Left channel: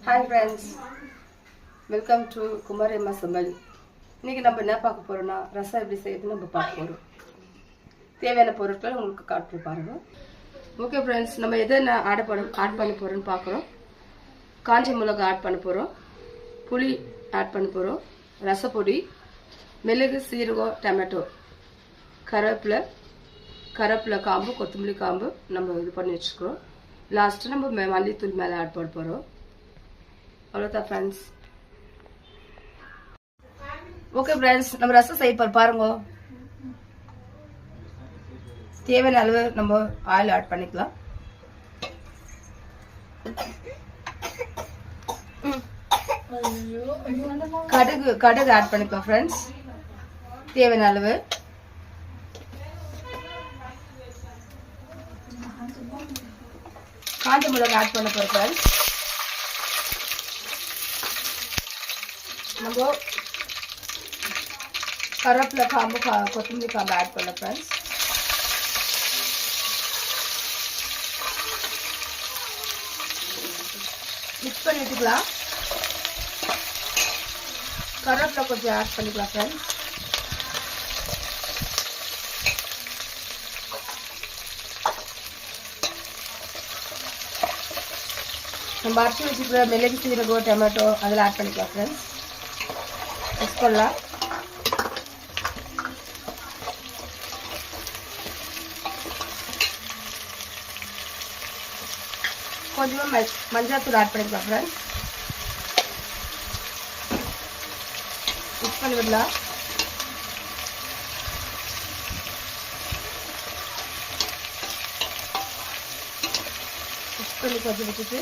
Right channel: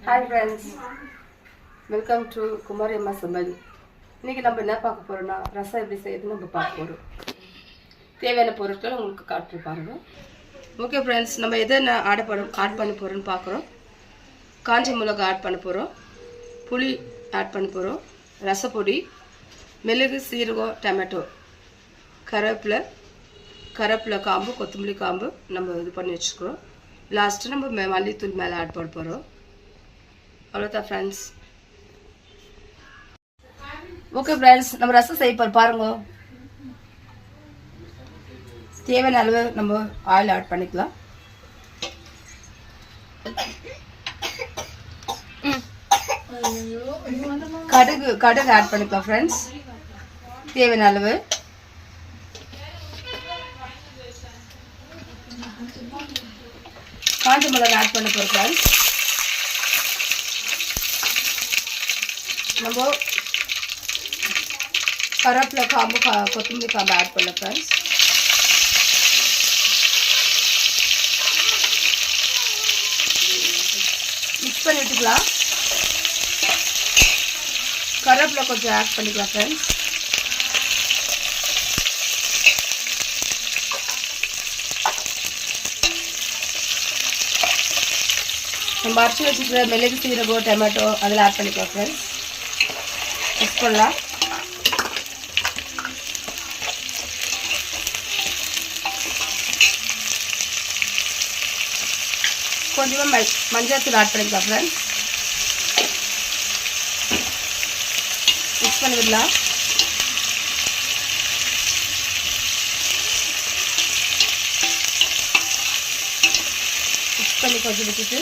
Hi friends, welcome to Kumari Amma Samal. இன்னைக்கு நம்ம என்ன பார்க்க போறோம்னா ரசம் எப்படி செய்யறதுன்னு நம்ம பார்க்க போறோம். தேவையான பொருட்களை உங்களுக்கு காட்டு பாருங்க. ஓகே ஃப்ரெண்ட்ஸ், நம்ம எதை ஆட் பண்ண போறோம்னு பார்க்குறோம். காஞ்ச மிளகாய் ஆட் பண்ண போறோம், புளி ஆட் பண்ண போறோம், ரசப்பொடி, மிளகு, சீரகம், டொமேட்டோ, கருவேப்பிலை காம்பு, கொத்தமல்லி காம்பு நம்ம இது பண்ணி வச்சுக்கிறோம். லாஸ்ட்டு நம்ம மல்லித்தூள் மேலே ஆட் பண்ண போகிறோம். அவ்வளோதான் ஃப்ரெண்ட்ஸ். ஓகே ஃப்ரெண்ட்ஸ், நம்ம ரசம் செய்ய பாருங்க. தேவையான அளவு நம்ம ஆயில் ஆட் பண்ணிக்கலாம். கடுகு ஆட் பண்ணிக்கலாம் ஃப்ரெண்ட்ஸ், தேவையான அளவு. காஞ்ச மிளகாய் ஆட் பண்ண போகிறோம் ஃப்ரெண்ட்ஸ். நம்ம கருவேப்பிலை காம்பு, கொத்தமல்லி காம்பு ஆட் பண்ண ஃப்ரெண்ட்ஸ். மிக்ஸ் பண்ணி விட்டுக்கலாம். கருவேப்பிலை கொஞ்சம் ஆட் பண்ணிக்கலாம் ஃப்ரெண்ட்ஸ். நம்ம அரைச்சி வச்சுக்கிற மிளகு, சீரகம், டொமேட்டோ அதில் ஆட் பண்ணிக்கலாம் ஃப்ரெண்ட்ஸ். மிக்ஸ் பண்ணலாம். கொஞ்சமாக மஞ்சள் ஆட் பண்ணிக்கலாம் ஃப்ரெண்ட்ஸ். மிக்ஸ் பண்ணி விடலாம். மிக்ஸ் பண்ணி கொஞ்சம் விட்டுட்டு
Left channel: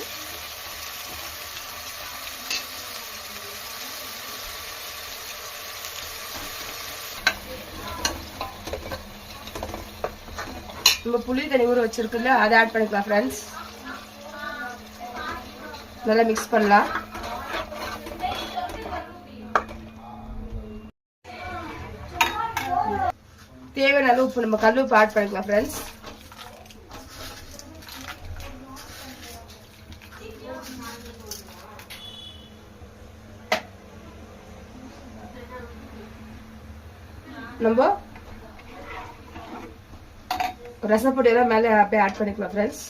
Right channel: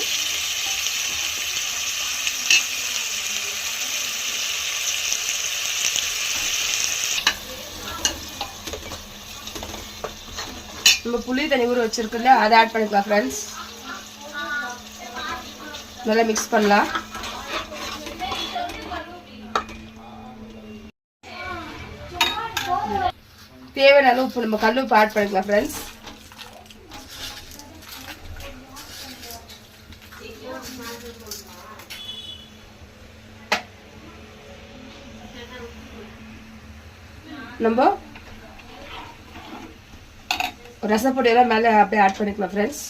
நம்ம புளி தண்ணி ஊற வச்சிருக்குல்ல, அதை ஆட் பண்ணிக்கலாம் ஃப்ரெண்ட்ஸ். நல்லா மிக்ஸ் பண்ணலாம். தேவையான அளவு உப்பு, நம்ம கல் உப்பு ஆட் பண்ணிக்கலாம் ஃப்ரெண்ட்ஸ். நம்ம ரசப்பொடியெல்லாம் மேலே அப்படியே ஆட் பண்ணிக்கலாம் ஃப்ரெண்ட்ஸ்.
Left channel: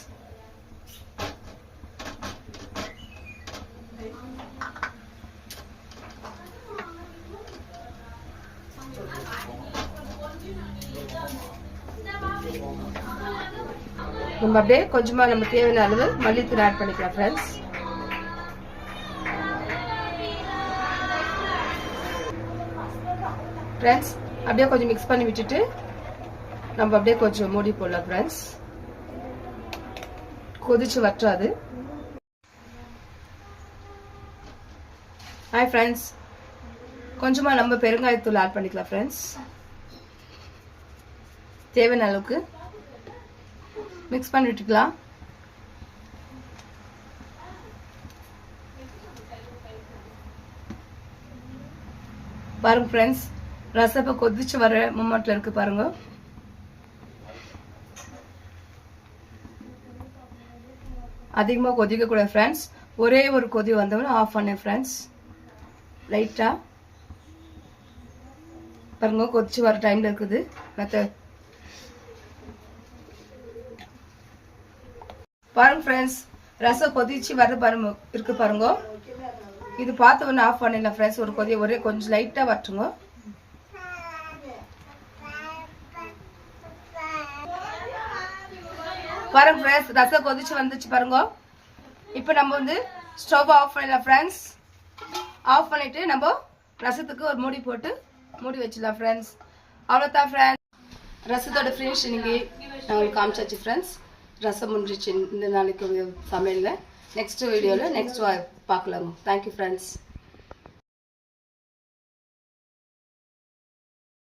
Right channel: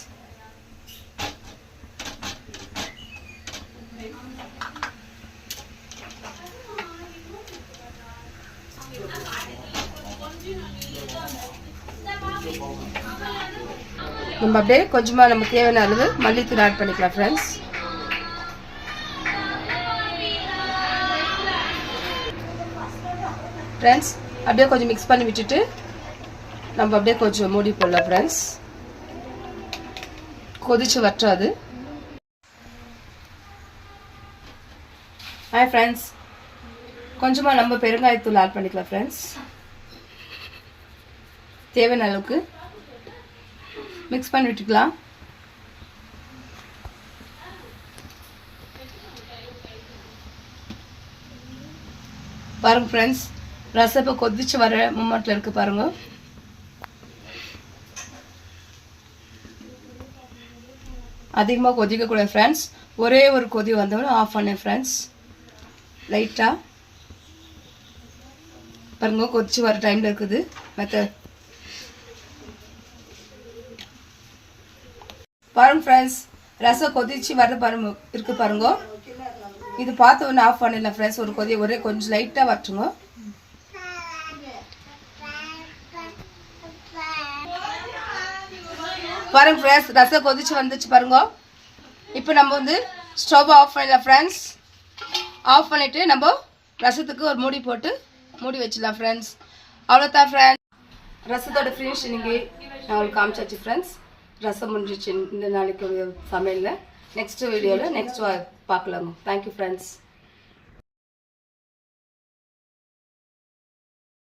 நம்ம அப்படியே கொஞ்சமாக நம்ம தேவையான அளவு மல்லித்தூள் ஆட் பண்ணிக்கலாம் ஃப்ரெண்ட்ஸ். ஃப்ரெண்ட்ஸ் அப்படியே கொஞ்சம் மிக்ஸ் பண்ணி விட்டுட்டு நம்ம அப்படியே கொஞ்சம் மூடி போடலாம் ஃப்ரெண்ட்ஸ். கொதிச்சு வற்றாது. ஹாய் ஃப்ரெண்ட்ஸ், கொஞ்சமாக நம்ம பெருங்காயத்தூள் ஆட் பண்ணிக்கலாம் ஃப்ரெண்ட்ஸ். தேவையான அளவுக்கு மிக்ஸ் பண்ணி விட்டுக்கலாம். பாருங்க ஃப்ரெண்ட்ஸ், ரசம் இப்போ கொதிச்சு வர மூமெண்ட்ல இருக்கு பாருங்க. அதிகமாக கொதிக்கக்கூடாது ஃப்ரெண்ட்ஸ். ஒரே ஒரு கொதி வந்தவொடனே ஆஃப் பண்ணேன் ஃப்ரெண்ட்ஸ். லைட்டாக பாருங்க, கொதிச்சு வர டைமில் இருக்குது மெத்தட். பாருங்க ஃப்ரெண்ட்ஸ், ரசம் கொதிச்சு வர பாருங்க இருக்கு பாருங்க. இது பார்த்து ஒன்று ஆஃப் பண்ணிடலாம் ஃப்ரெண்ட்ஸ். ஒரு கொதி ஒரே கொஞ்சம் லைட்டாக வச்சுங்க. பாருங்க ஃப்ரெண்ட்ஸ், ரசம் கொதிச்சு வந்துச்சு பாருங்க. இப்போ நம்ம வந்து ஸ்டவ் ஆஃப் பண்ணிடலாம் ஃப்ரெண்ட்ஸ். ஆஃப் பண்ணிட்டு நம்ம ரசத்துக்கு ஒரு மூடி போட்டு மூடி வச்சிடலாம் ஃப்ரெண்ட்ஸ். அவ்வளோதான் ஃப்ரெண்ட்ஸ், ரசத்தோட ஃபினிஷிங்கு நான் உங்களுக்கு காமிச்சாச்சு ஃப்ரெண்ட்ஸ். ரசம் முடிஞ்சிச்சு இந்த நாளைக்கு சமையலில். நெக்ஸ்ட் வீடியோவில் நெக்ஸ்ட் பார்க்கலாங்க. Thank you friends.